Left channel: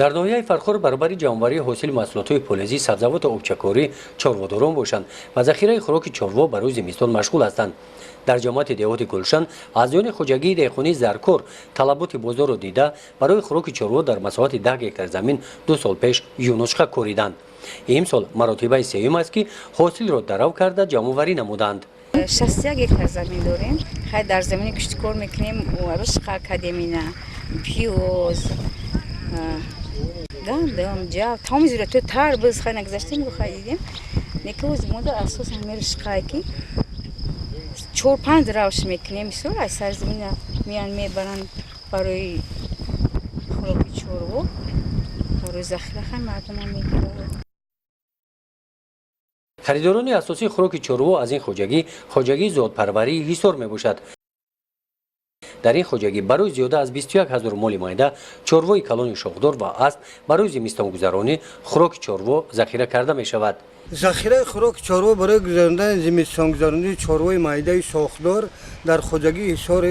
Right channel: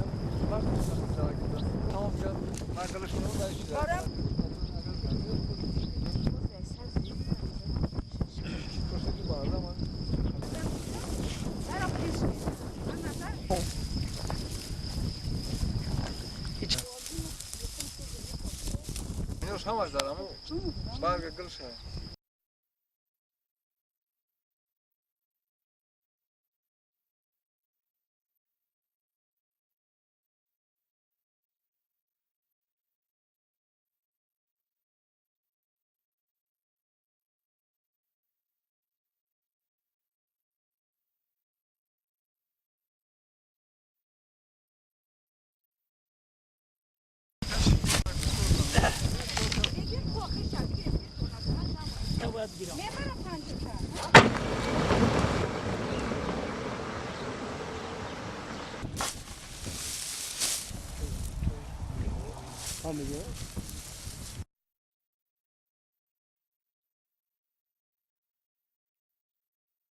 در ناحیه فرخور برابر جمع‌آوری حاصل محصولات فلزی، سبزیجات و آبچکاری چارواداران باشند و ذخیره خوراک چاروا برای زمستان مشغول هستند. در جماعت دیهات گلشن از جان خوجگی دهقانی زرکور طلبات بازار را دیده برای خوراک چاروا در مساحت 10 گیکر زمین 2 سال پیش یونوشقه کوریدند. امسال مراتبه سوم است که حاصل را درو کرده جمع‌آوری نمودند. 61 گیکر زمین داریم. خیلی در زمین کشت کار میکنیم و رشقه کدیمینه، پیوز، گندم، جو، تمام زیرات تربز خیلی نگذاشتیم و خریدیم. نیکوز مدل اساس همه رشقه کی 4-5 روش میکنیم. مثلا از سرزمین میان میبرن برای خوراک چاروا، برای ذخیره خیلی مردم میگیرن. خریداران اساسی خوراک چاروا از این خوجگی زادپروری حصار میباشد. در این خوجگی برای زیاده از 21,000 مال مایده چاروای کلان شاخدار و اسب برای زمستان گذرانی خوراک چاروا ذخیره کرده می شود. ذخیره خوراک چاروا برای گذراندن زمستان گذرانی چاروای مایده شاخدار در خوجگی حصار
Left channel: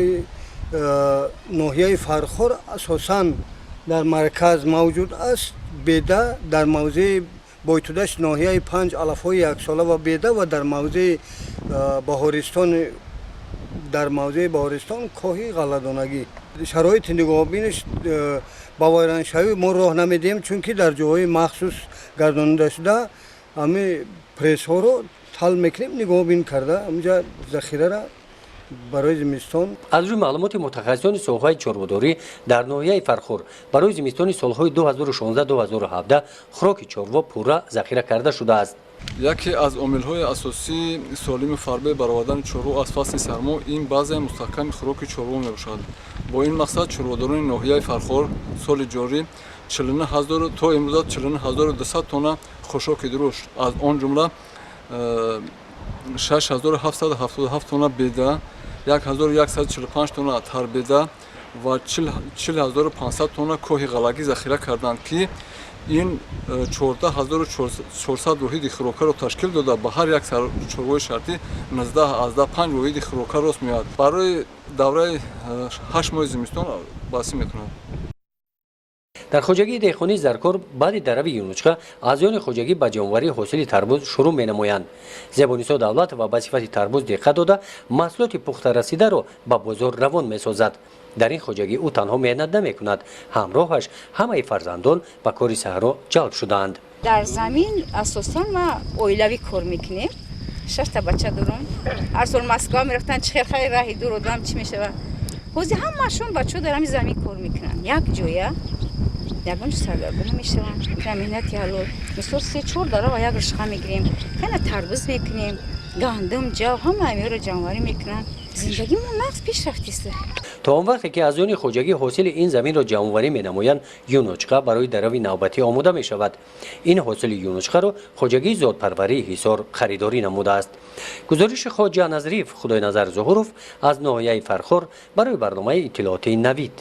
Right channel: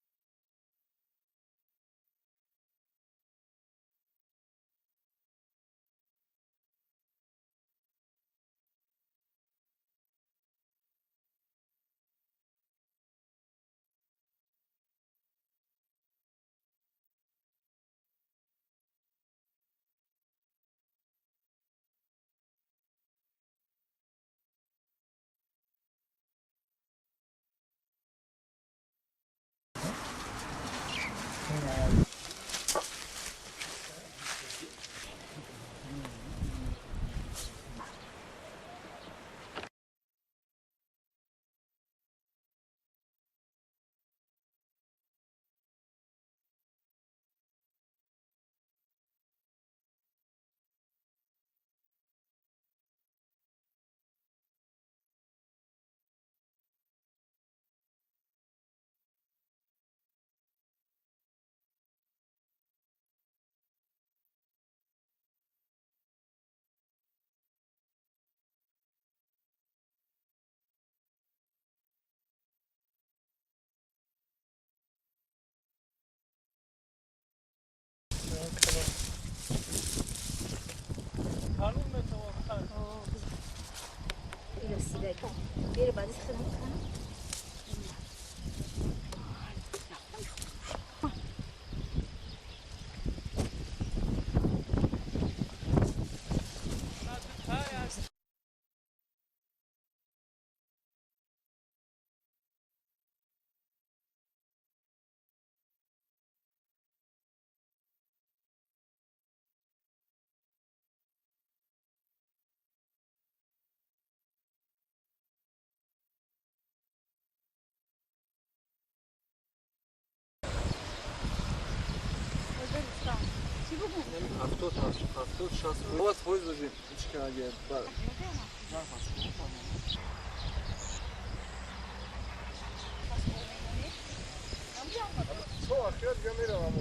ناحیه فرخور اساساً در مرکز موجود است. بیده در موضع بایتودش ناحیه 5 علفهای یک ساله و بیده و در موضع بهارستان کاهی غله‌دانگی. شرایط نگاهبینش با ویرانشوی ما راه نمیدیم چون که در جاهای مخصوص گردانده شده همه پرس ها رو تل میکنیم نگاهبین کرده اونجا ذخیره را برای زمستان. از روی معلومات متخصصان سوهای چارواداری در ناحیه فرخور برای زمستان سالهای 2016-2017 خوراک چاروا پورا ذخیره کرده شده است. یکی از عامل‌های اساسی سالم فربه برآوردن چاروا از فصل سرما این بازه مستحکم خوراک چاروا میباشد. با این مقصد چارواداران ناحیه فرخور سال جاری 49,000 تا امروز 49,200 تن خوراک درشت از آن جمله 6,777 تن بیده، 1,145 تن تربیده و 40,500 تن کوه غلگی ذخیره کردند که این 14,400 واحد خوراک را تشکیل داده. به هر یک چاروای شرطی 19-15 واحد خوراک راست میاد. برای دوره 8 ماه زمستان بسی میکنند. در خوجگی دهقانی زرکور بعد درو یونوشقه از آن خوجگی به جمع‌آوری حاصل تربوز شروع می‌نمایند. زبانی‌سا دولت و به صفت تربوز دقت داده محصولات پخته رسیده را به بازار روان می‌سازد. در این خوجگی او تنها محنت نمی‌کند، همراهش همه فرزندان به کار صحرا جلب شدند. در زمین اساساً ما اویلوی کار میکنیم. 6 تا بچه دارم. هر سال مسکا میرفتن چه خیلی راهی دور آدم چی میشه. حوزه همشون بچه‌ها در همین زمین کار میکنن. یک جویه یگانش سرگرم میشوند. زمینت یالو مثلا 3-4 داره و یک رشقه میگیریم. خیلی تربوز میکنیم. گندم، جو همه رو جمع‌آوری میکنن. زندگیمون نقص پیشرفتی است. تا آن وقتی که از آن خوجگی حاصل این زمین را جمع‌آوری می‌نمایند یونوشقه برای درو نوبتی آماده می‌شود. این حاصل یونوشقه را خوجگی زادپروری حصار خریداری نموده است. گزارش خواجه نظریف خدای نظر ظهورов از ناحیه فرخور برای برنامه اطلاعاتی نوید.